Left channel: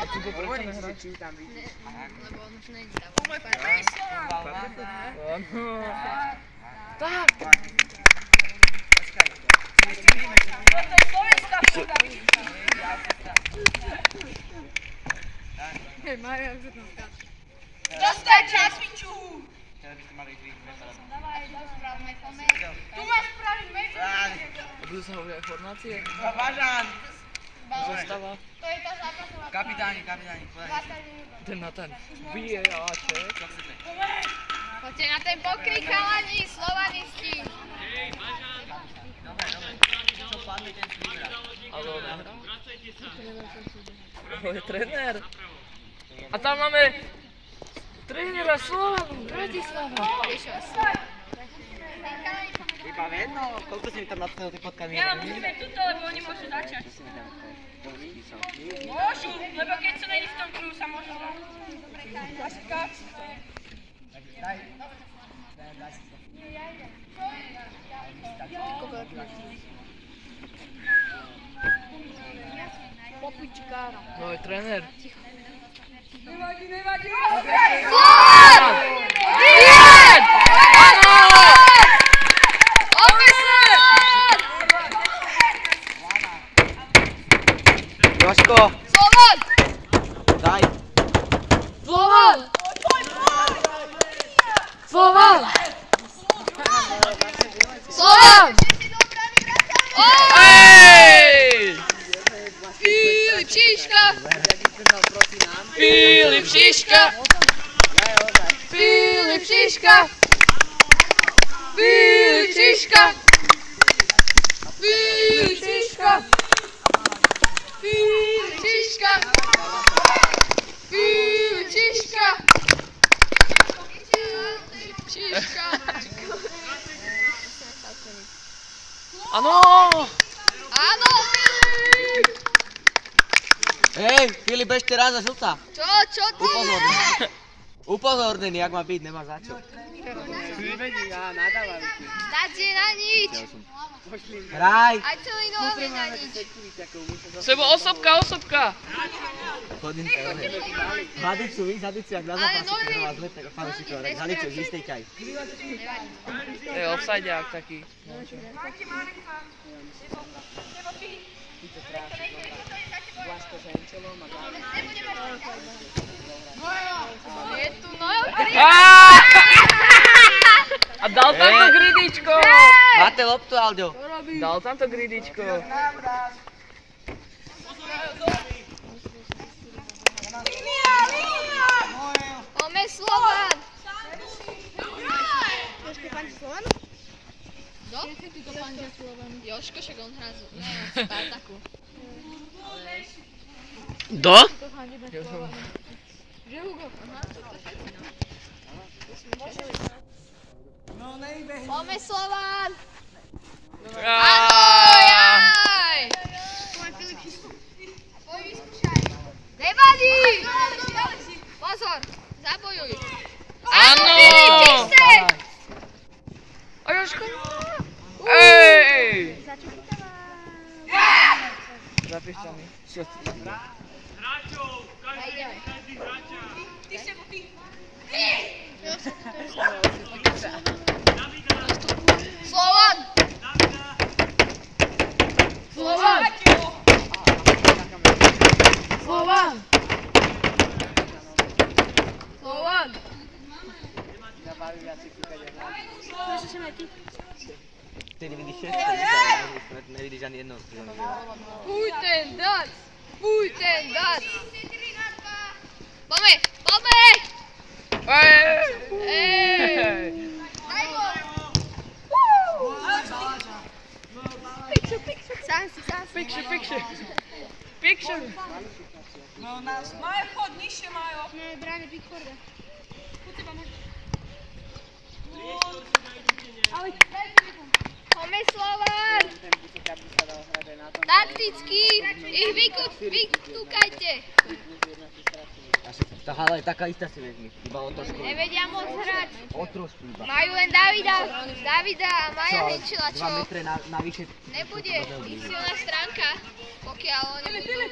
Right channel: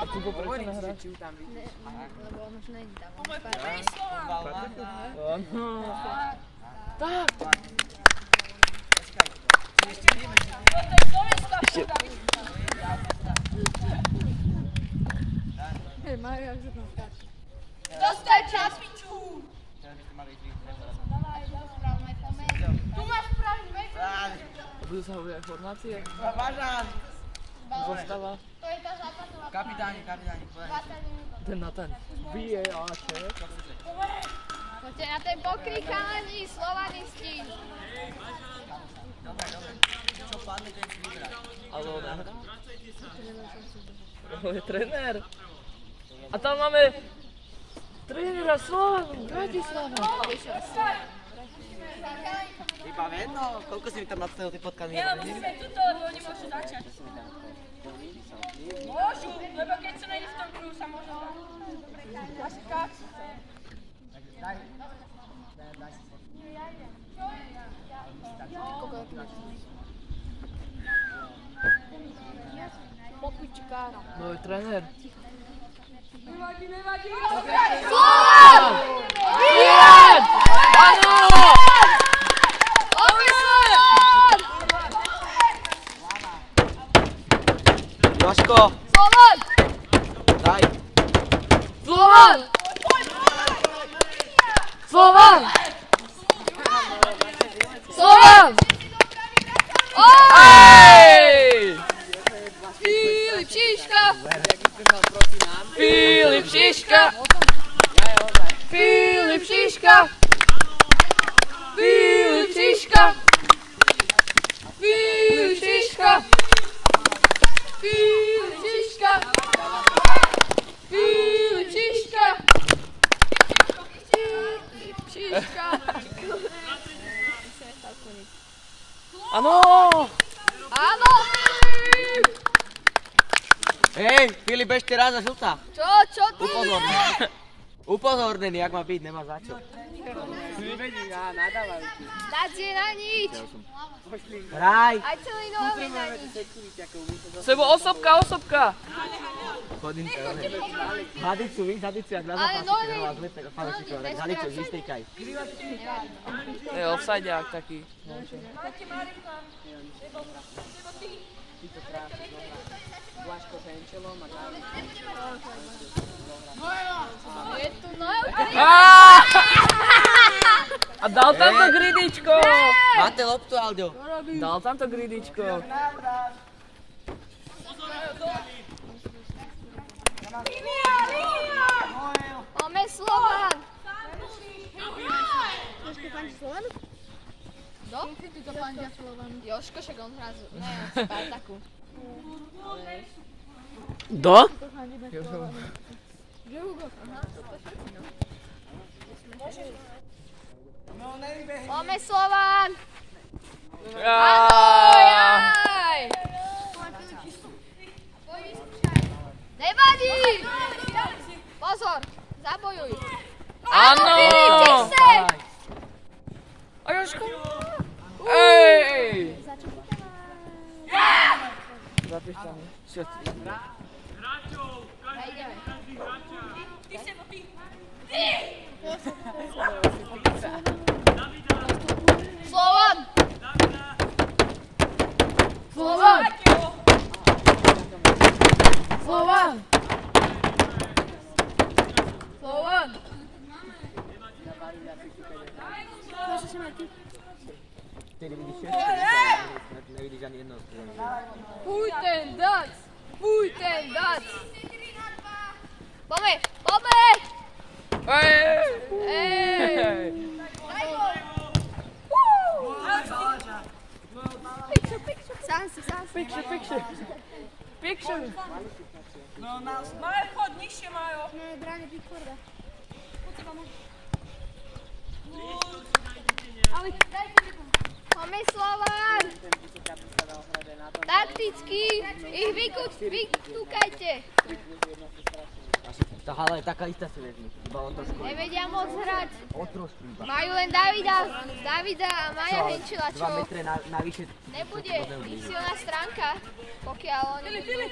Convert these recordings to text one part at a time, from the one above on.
A ty to prečo nehráš? Lebo on už nejde tam. Tak! Hej, Majo, jak sa tam skáče. Dostaj čas, piču! Teraz by ste mali ísť rýchlo. Dávaj, rozprávame kome. Tu máš spraviť medzi. Budú sa hovoriť formácie? Bažan! Zostava? To je tá zápasová. Kapitáni, podaj. 20 minút. Ten na ten. VAR. Čo chcete? Poďte na ten pokrik, chalani, slovanisti. Dobre. Čo padne, ten si vybrá. Ale on nahrá? On je tréner. A tam máme trénera Slovanu, Bratislava. Iba jedno, koľko si mi tam nadstavil tie potkany? Ja, musíme tuto, lebo oni môžu začať. Môžu, lebo keď sa není v tom kruhu, sa môžu dať. Asi tak. Môj tréner. Nevadí! Slovan! Vyhrať! Áno! Opäť Slovan! Jožko! Slovan! Daj! Slovan! Slovan! Slovan! Ej! Filip Šiška! Filip Šiška! Filip Šiška! Filip Šiška! Filip Šiška! Filip Šiška! Filip Šiška! Filip Šiška! Áno! Áno, Filip! Hej, Filip, ešte raz a žltá. Čo ty? Upozornený, jak má byť, nemá za čo. Dať je na nič! Hraj! Aj celý nový na nič! Sebo osobka! Chodím sa, Hadicu, víš, Hadicu, jak na Ale zápasy, Norvin! ktorá vás lepšie ako fanúšikov, tak Hadicu, vystejkaj. Je offsideák taký. Je tu Nojo? A dal tam to gridičko! Máte loptu, Alďo. Dal tam to gridičko. Máme Slovan! Jožko fandí Slovanu? Kto? Jožko, však on hrá z Spartaku. Do? Že Hugo? Aha, to všetci, no. Máme Slovan! Ahoj! Nevadí! Pozor, zabojuj! Áno! Čistej! A Jožko? Ej! Zapíšťaný. Slovan! Slovan! Slovan! Slovan! Ty nevidíš 6, nevidíš ani jednou. Fuj ten dac! Fuj ten dac! Poďme! Poďme! Ej! Picture! Majo, chod nižšie, Majo. Nie, bráne Pickforda. Poďme Slovan! Takticky! Ich vykúkajte! Ale taká istá si vezmi, iba o trošku. Nevedia moc hrať. O trošku iba. Majú len Davida a Maja Henčela, 2 čo metre navyše. nebude ich silná stránka, pokiaľ oni budú...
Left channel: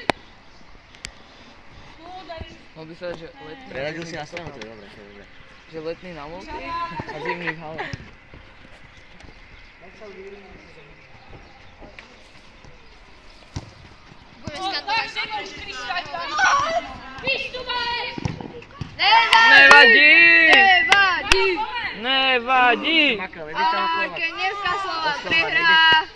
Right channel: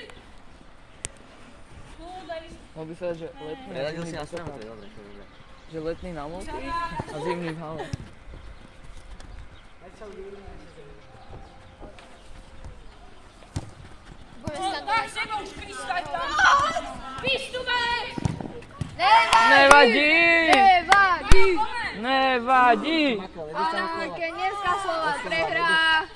Mohol by sa dať, že letný Preradil si na stranu, to je dobré, to je dobré. že letný na multi a zimný v hale. Nevadí! Nevadí! Kenierská slova prehrá.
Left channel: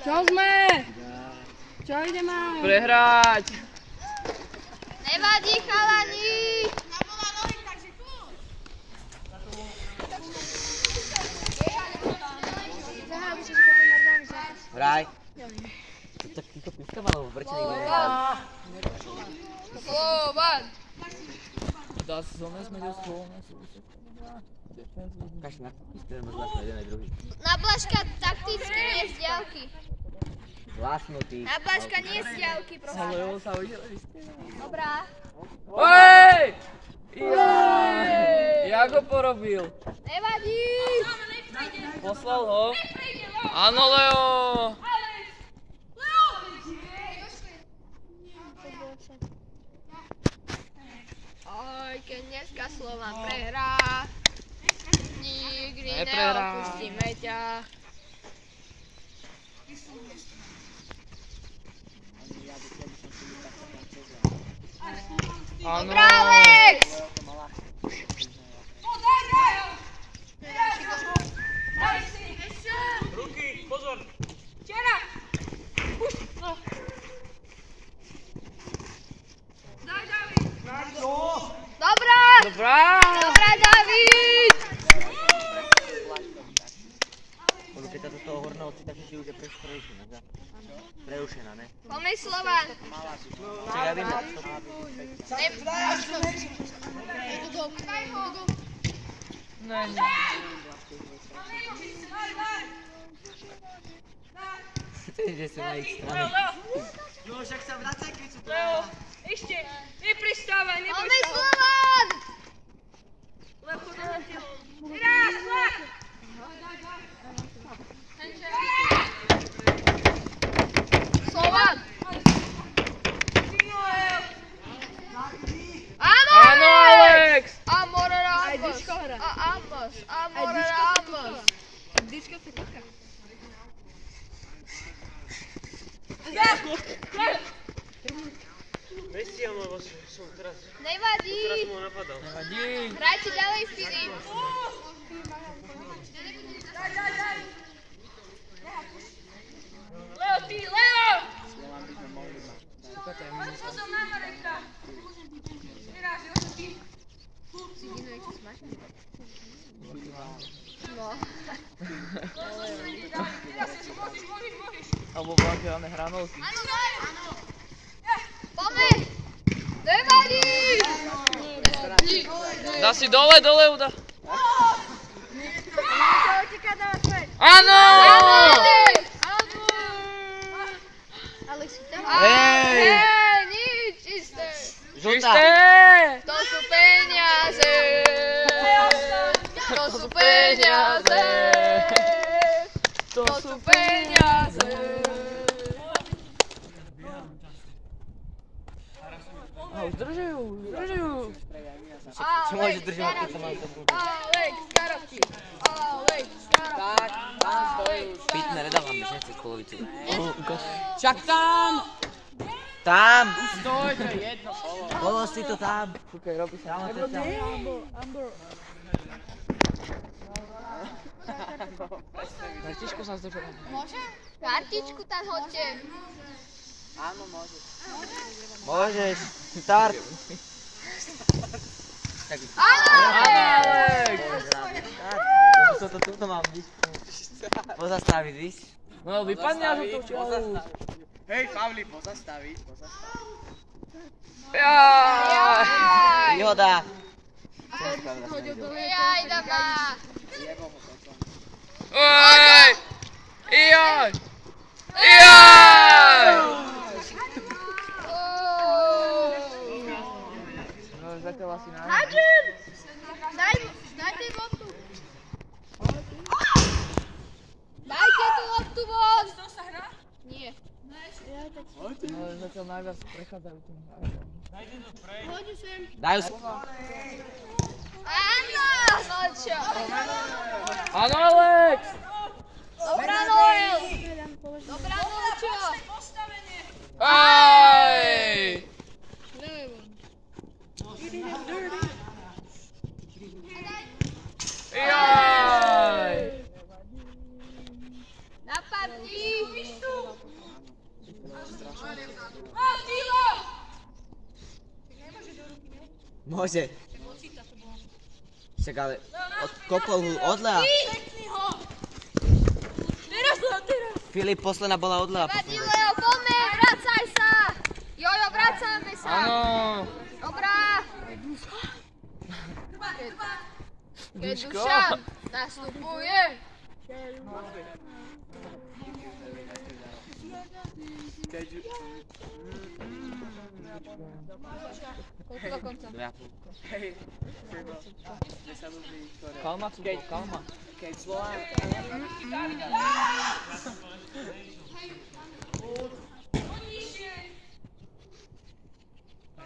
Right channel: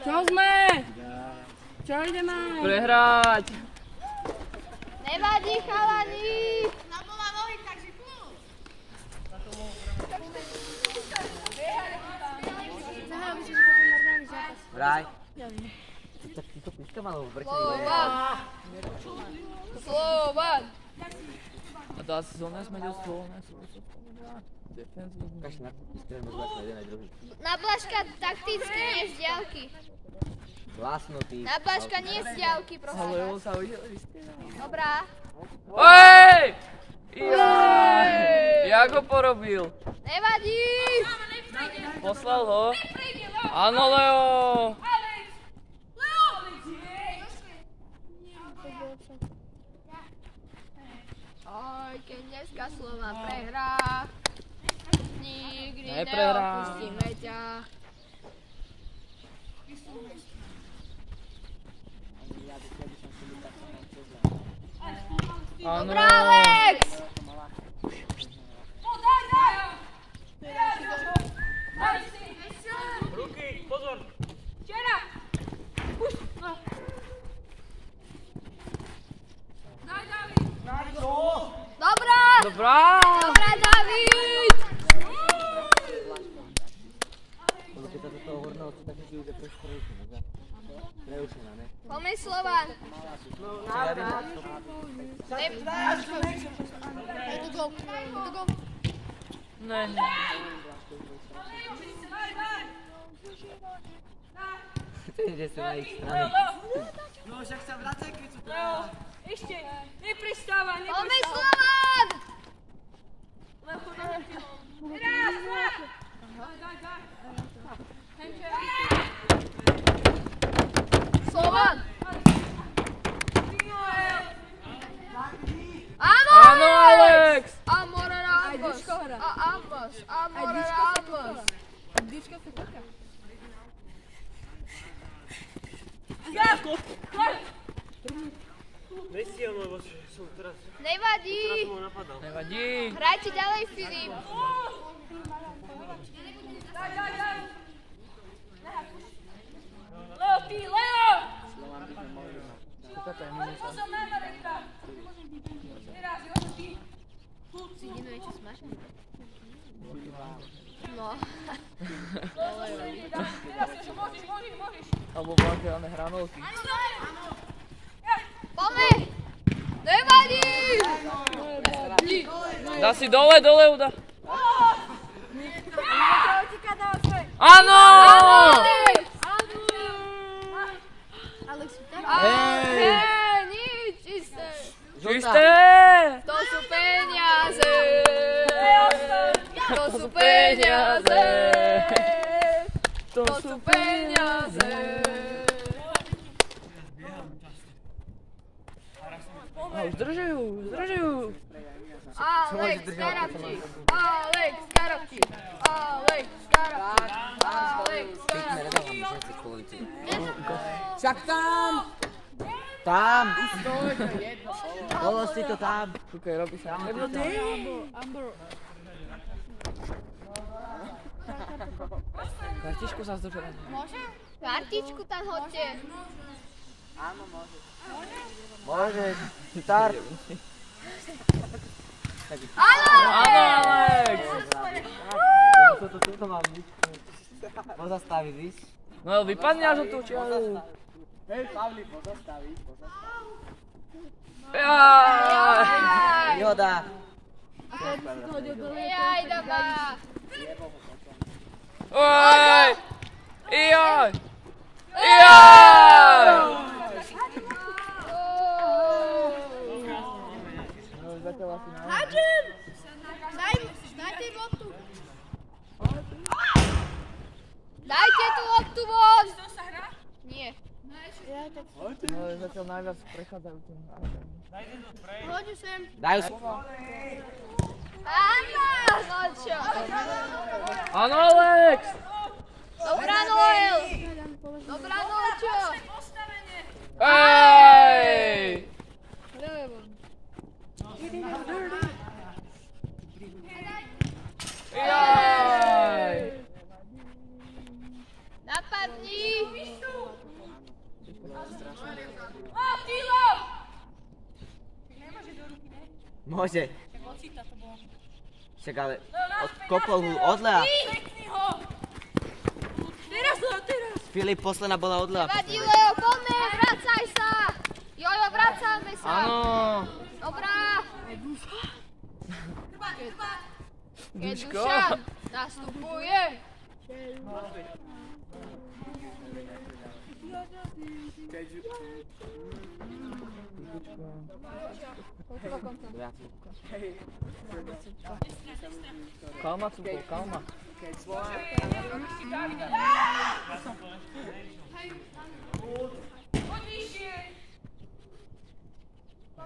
Čo sme? Čo ideme? Prehrať! Nevadí, chalani. Vraj. Tak týchto píška malo vrčený gól. Slovan. Das Sonne ist mir das Sonne. Kaž na píška, nebo zvláštne jeden aj druhý. Na Blažka takticky nie z diaľky. Zlásnutý. Na Blažka nie z diaľky, prosím. Ale jo, sa videli ste. Dobrá. Ej! Jaj! Jak ho porobil? Nevadí. Poslal ho? Áno, Leo! Oj, Kenierská slova prehrá. Nikdy Neprehrá. neopustíme ťa. Áno. Dobrá, Alex! Dobrá! Dobrá! Dobrá, David! Lebo keď sa do toho horného cita, že si už je preušená, ne? Poďme Slovan. Ja viem, Ne, ne. že sú na ich strane. Ešte, neprestávaj, Poďme Slovan! Slovan! Áno! Áno, Alex! A Morera Ambos. A Ambos. A Morera Ambos. Nevadí. Nevadí. Hrajte ďalej, Filip. Leo, ty, Leo! Taká to je minúta. Pozor na Mareka! Teraz, ty. No. Môžeš. Alebo bankeálne hranolky. Poďme. Nevadí. Dá si dole, Uda. Áno! Hej! Nič, isté. Čisté! To sú peniaze. To sú peniaze. To sú peniaze. Zdržujú. Čo môže držať? Alex Karabčík. Pitne, nedávam mi ženci z polovici. Však tam! Tam! Dolož si to tam. Kúkaj, robí sa. Kartičku sa zdržala. Kartičku tam hoďte. Môžeš. Start. Alex! Toto mám byť. Pozastaviť, víš? No vypadne až od toho čiaru. Hej, Pavli, pozastaviť. Jaj! Výhoda. Jaj, daba. Oj! Jaj! Jaj! No, zatiaľ asi nájde. Dajte loptu. Dajte tú loptu von. To sa hrá? Nie. No, zatiaľ najviac prechádzajú tým hráčom. Poďu sem. Dajú Áno, no čo? Áno, Alex! Dobrá, Noel. Dobrá, Noel, čo? Ej! Jaj! Napadni. Môže. Však ale kopol ho odľa. Filip, posledná bola odľa. Vadí, Leo, poďme, vracaj sa. Jojo, vracáme sa. Áno! Dobrá. Keď Duško! Dušan nastupuje. Kalma, Cuko, kalma. Keď Slovák...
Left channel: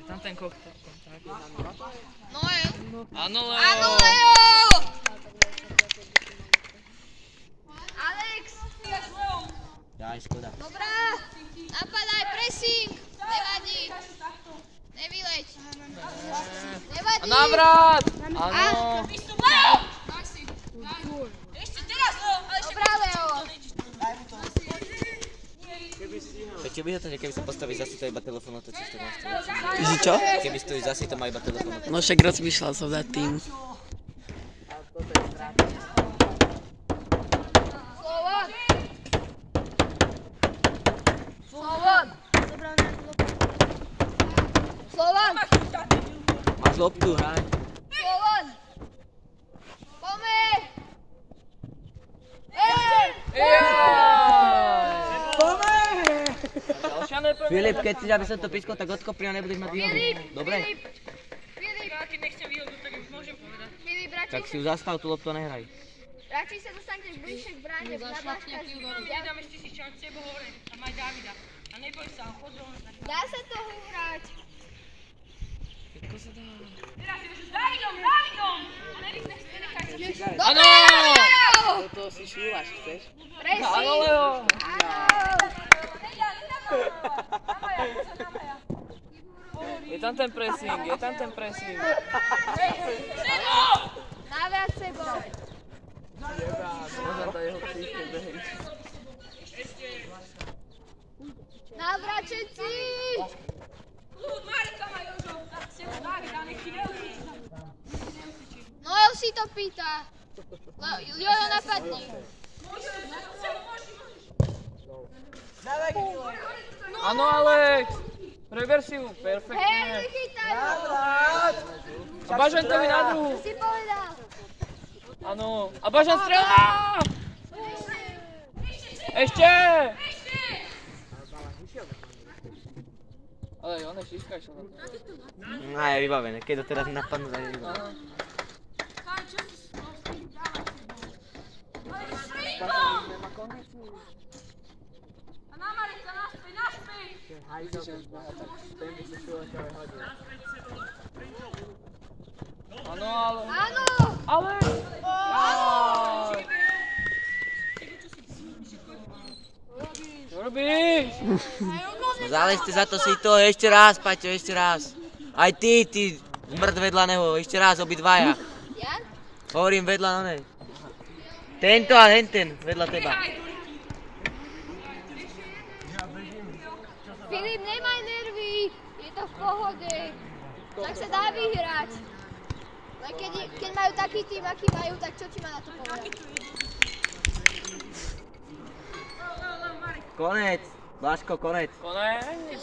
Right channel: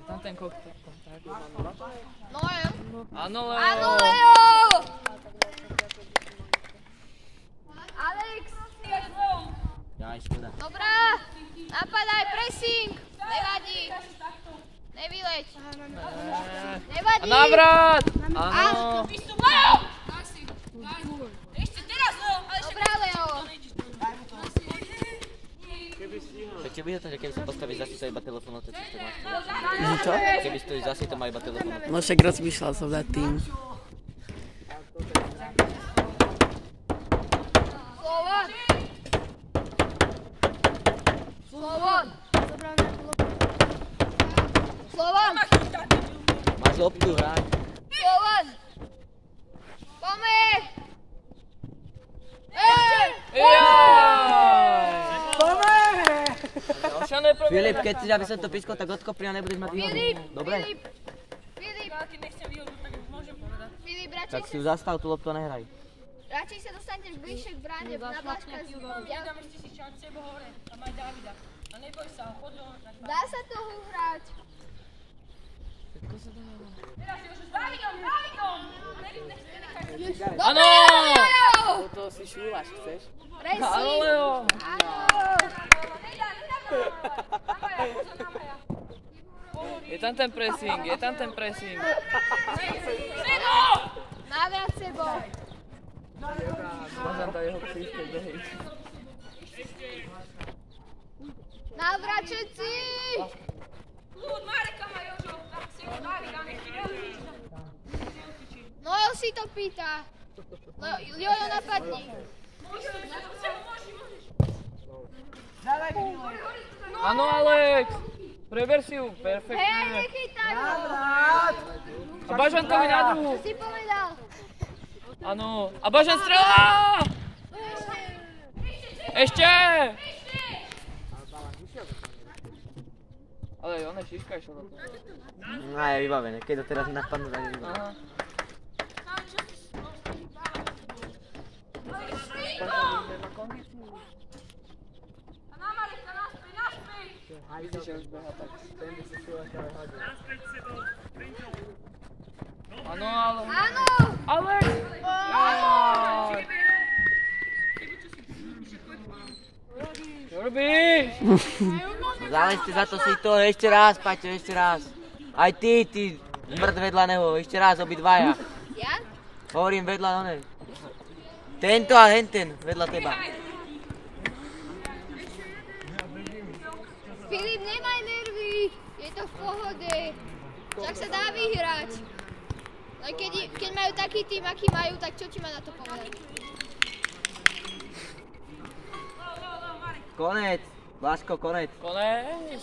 Tam ten kontakt. Noel. Áno, Áno, Leo! Leo. Alex. Daj, škoda. Dobrá. Napadaj, pressing. Nevadí. Nevyleď. Nevadí. Navrat! Áno! Ešte teraz, Leo, ale ešte Dobrá, Leo. Čo by to, že keby sa postavíš zase to iba telefón otočíš, tak máš telefón. Že čo? Keby stojíš zase to má iba telefón otočíš. No však rozmýšľal som nad tým. Slovan. Slovan. Slovan. Máš loptu, hraj. Slovan. Poďme. Ej. Jaj! Ďalšia neprvé. Filip, keď si, aby som to pískol, tak odkopri a nebudeš mať výhodu. Filip. Dobre? Filip. keď nechce výhodu, tak môžem povedať. Filip, Tak si ju zastav, tú loptu a nehraj. radšej sa dostaneš bližšie k bráne. Nabáškaš Nedám ešte si čas tebe hore a maj Davida. A neboj sa, chod dole. Dá sa to hrať. Teraz si už Davidom! Áno! Toto si šúvaš, chceš? Áno, Leo! Je tam ten pressing, je tam ten pressing. Naviac sebou. Môžem dať jeho príšte behy. Navrat všetci. Mareka majú už si už Davida, nech ti neučíš. Noel si to pýta. No, Jono napadni. Áno, Alex! Preber si ju, Hej, perfektne. nechytaj ho. A Bažankovi na druhu. Čo si povedal? Áno. A Bažan strelá! Ešte! Ale on je šiška išiel na to. No je vybavené, keď to teraz napadnú, tak je vybavené. Aha. Vidíš, že už beha, tak ten by sa šúvaš aj hodil. Áno, ale... Áno. Ale... Čo robíš? No záležte za to si to, ešte raz, Paťo, ešte raz. Aj ty zmrt vedľa neho, ešte raz, obidvaja. Ja? Hovorím vedľa na nej. Tento a henten, vedľa teba. Filip, nemaj nervy. Je to v pohode. Tak sa dá vyhrať. Len keď majú taký tým, aký majú, tak čo ti má na to povedať? Konec, Blažko, konec. Konec.